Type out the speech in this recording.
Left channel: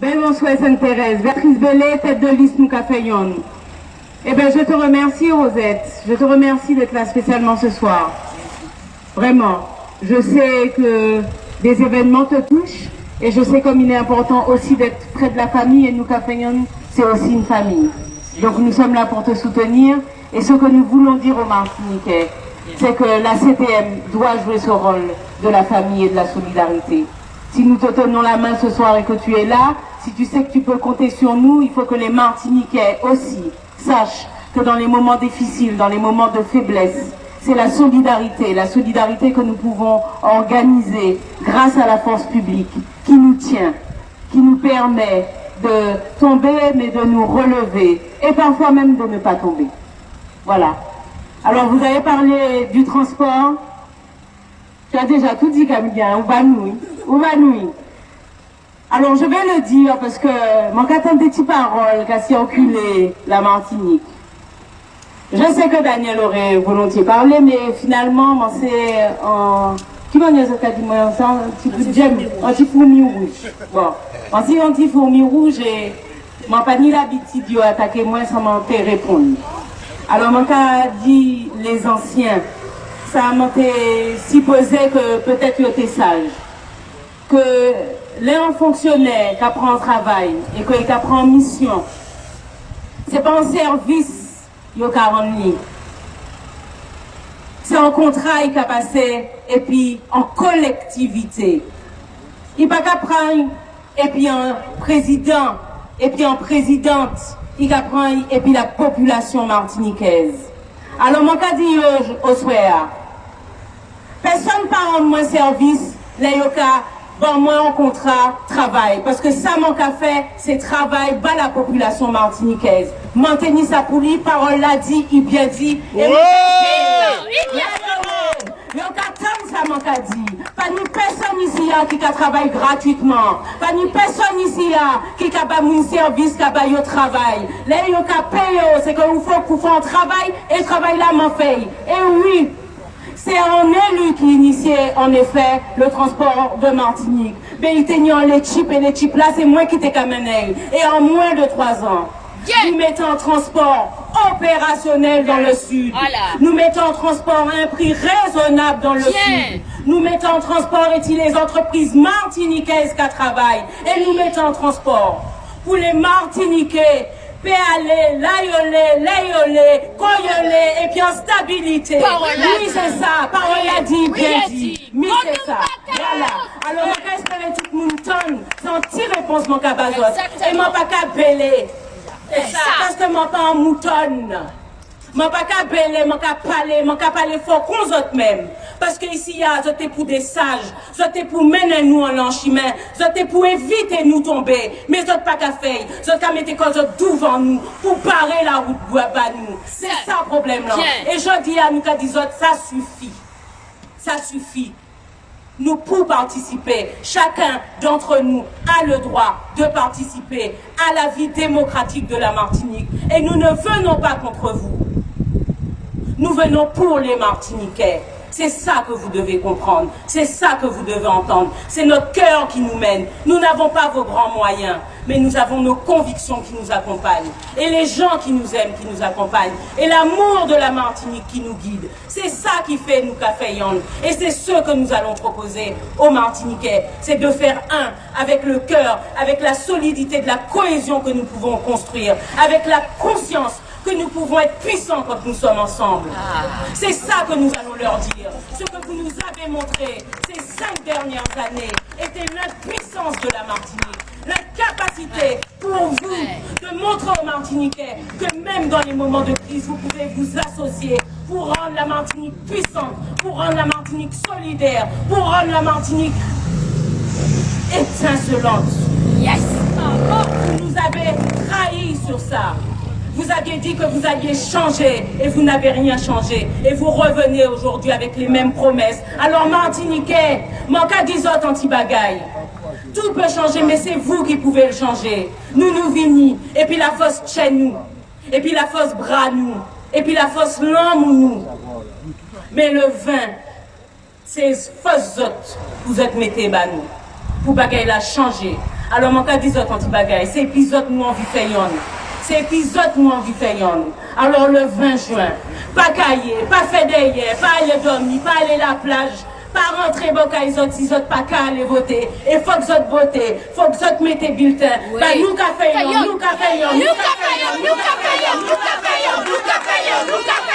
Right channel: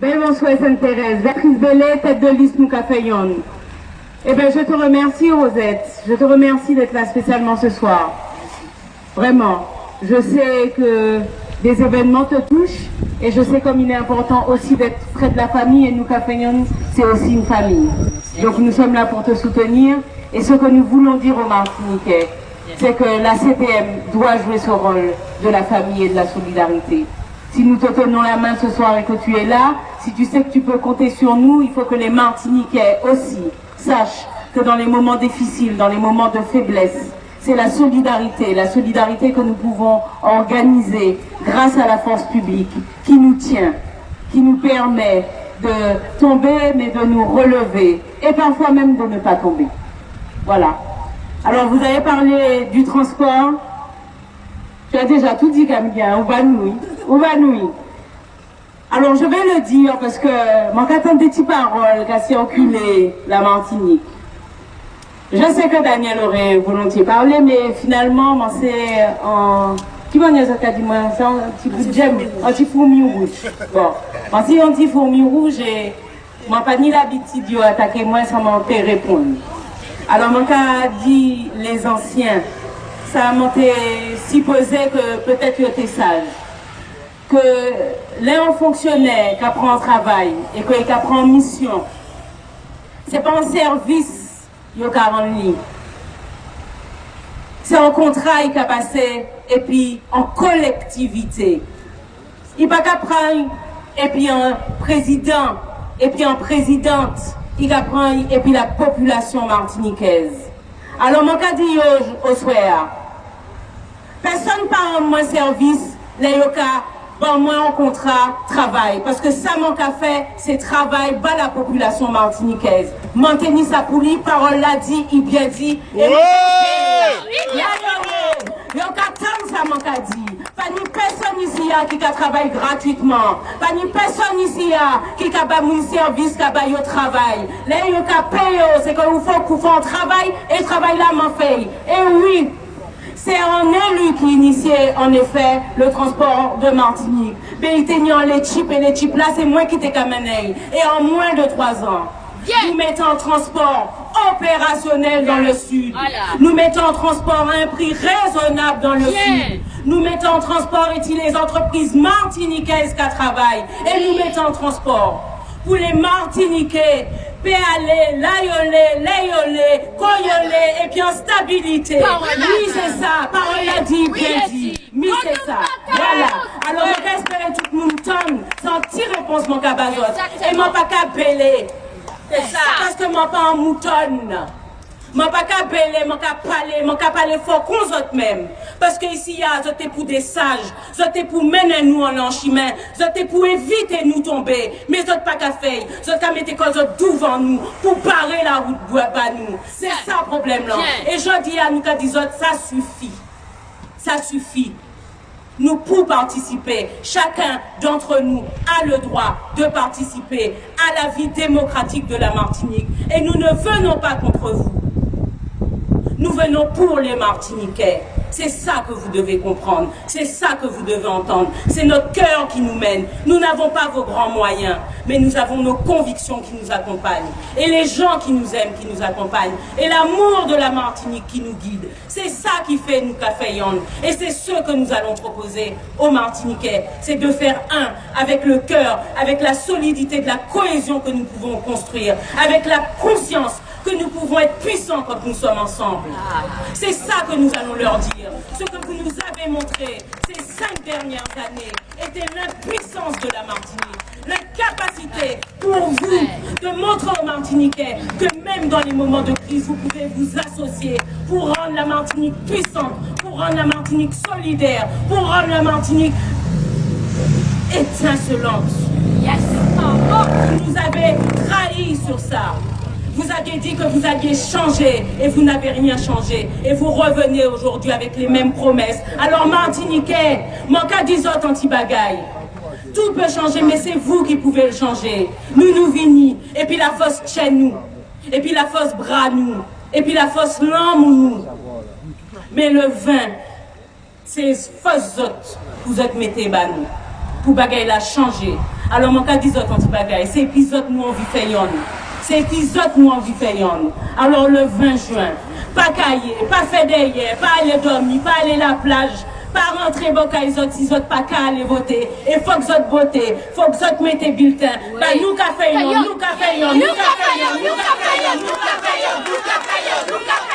Ben bonsoir Sainte-Thérèse, Béatrice Bellet, tête de liste nous Caféyon. Eh bien, je te remercie Rosette, je te remercie d'être là spécialement ce soir. Vraiment, je sais que des événements te touchent et je sais comme il est important aussi d'être près de la famille et nous Caféyon, c'est aussi une famille. Donc nous sommes là pour te soutenir et ce que nous voulons dire aux Martiniquais, c'est que la CTM doit jouer ce rôle de la famille et de la solidarité. Si nous te tenons la main ce soir et que tu es là, si tu sais que tu peux compter sur nous, il faut que les Martiniquais aussi sachent que dans les moments difficiles, dans les moments de faiblesse, c'est la solidarité que nous pouvons organiser grâce à la force publique qui nous tient, qui nous permet de tomber mais de nous relever et parfois même de ne pas tomber. Voilà. Alors vous avez parlé du transport. Tu as déjà tout dit, Camilla, ou Banoui. Alors je vais le dire parce que mon qu'attend des petites paroles qu'a circulé la Martinique. Je sais que Daniel aurait volontiers parlé, mais finalement, c'est en... Qui m'a dit ça, dit moi, c'est un petit bout de gemme, un petit fourmi rouge. Bon, si un petit fourmi rouge, et je n'ai pas ni l'habitude d'attaquer moi sans m'en répondre. Alors, mon cas dit les anciens, ça m'a supposé que peut-être ils étaient sages. Que les fonctionnaires qui apprennent travail et qui apprennent mission, ce n'est pas un service qu'ils ont rendu. C'est un contrat qui a passé et puis en collectivité. Il n'y a pas qu'à prendre et puis un président et puis en présidente, il a prendre et puis la population martiniquaise. Alors, mon cas dit au soir, personne ne rend moins service, les yoka, bon, moi en contrat, travail. Parce que ça, mon café, c'est travail, bas la population martiniquaise. Maintenir sa poulie, parole l'a dit, il bien dit. Et ça mon cas dit. Pas ni personne ici qui travaille gratuitement. Pas ni personne ici qui a un service qui a un travail. Les gens qui payent, c'est qu'il faut qu'on fasse un travail et le travail là m'en fait. Et oui, c'est un élu qui initiait en effet le transport de Martinique. Mais il tenait les chips et les chips là, c'est moi qui t'ai camené. Et en moins de 3 ans, nous mettons en transport opérationnel dans le sud. Voilà. Nous mettons en transport à un prix raisonnable dans le sud. Nous mettons en transport et les entreprises martiniquaises qui travaillent. Et nous mettons en transport pour les Martiniquais. Péalé, layolé, koyolé, et puis en stabilité. Oui, c'est ça. Parole l'a dit, bien dit. Oui, c'est ça. Voilà. Alors, on va espérer tout le monde tonne, sans petite réponse, mon cabazot. Et mon pas qu'à belé. Parce que mon pas en moutonne. Mon pas qu'à belé, mon qu'à parler fort qu'on autres même. Parce que ici, il y a, c'était pour des sages, c'était pour mener nous en chemin, c'était pour éviter nous tomber. Mais autres pas qu'à faire, autres qu'à mettre cause devant nous, pour parer la route pour nous. C'est ça le problème là. Et je dis à nous qu'à dire ça suffit. Ça suffit. Nous pour participer, chacun d'entre nous a le droit de participer à la vie démocratique de la Martinique. Et nous ne venons pas contre vous. Nous venons pour les Martiniquais. C'est ça que vous devez comprendre. C'est ça que vous devez entendre. C'est notre cœur qui nous mène. Nous n'avons pas vos grands moyens, mais nous avons nos convictions qui nous accompagnent. Et les gens qui nous aiment, qui nous accompagnent. Et l'amour de la Martinique qui nous guide. C'est ça qui fait nous Caféyon. Et c'est ce que nous allons proposer aux Martiniquais. C'est de faire un avec le cœur, avec la solidité de la cohésion que nous pouvons construire, avec la conscience que nous pouvons être puissants quand nous sommes ensemble. C'est ça que nous allons leur dire. Ce que vous nous avez montré ces 5 dernières années était l'impuissance de la Martinique. L'incapacité pour vous de montrer aux Martiniquais que même dans les moments de crise, vous pouvez vous associer pour rendre la Martinique puissante, pour rendre la Martinique solidaire, pour rendre la Martinique étincelante. Yes. Vous nous avez trahis sur ça. Vous aviez dit que vous alliez changer et vous n'avez rien changé. Et vous revenez aujourd'hui avec les mêmes promesses. Alors Martiniquais, manque d'isot anti-bagaille. Tout peut changer, mais c'est vous qui pouvez le changer. Nous vini, et puis la force chez nous, et puis la force bras nous, et puis la force l'âme nous. Mais le vin, c'est force autres, vous êtes mettez bas nous. Pour bagaille la changer. Alors, mon cas, dis-toi, ton petit bagage. C'est épisode, nous, on vit fait yon. C'est épisode, nous, on vit fait yon. Alors, le 20 juin, pas cailler, pas faire derrière, pas aller dormir, pas aller à la plage, pas rentrer bon quand ils autres pas qu'à aller voter. Et faut que autres voter, faut que autres mettez bulletin. Bah, nous, qu'a fait yon, nous, qu'a fait yon, nous, qu'a fait yon, nous, qu'a fait yon, nous, qu'a fait yon, nous, qu'a fait yon, nous, qu'a fait yon.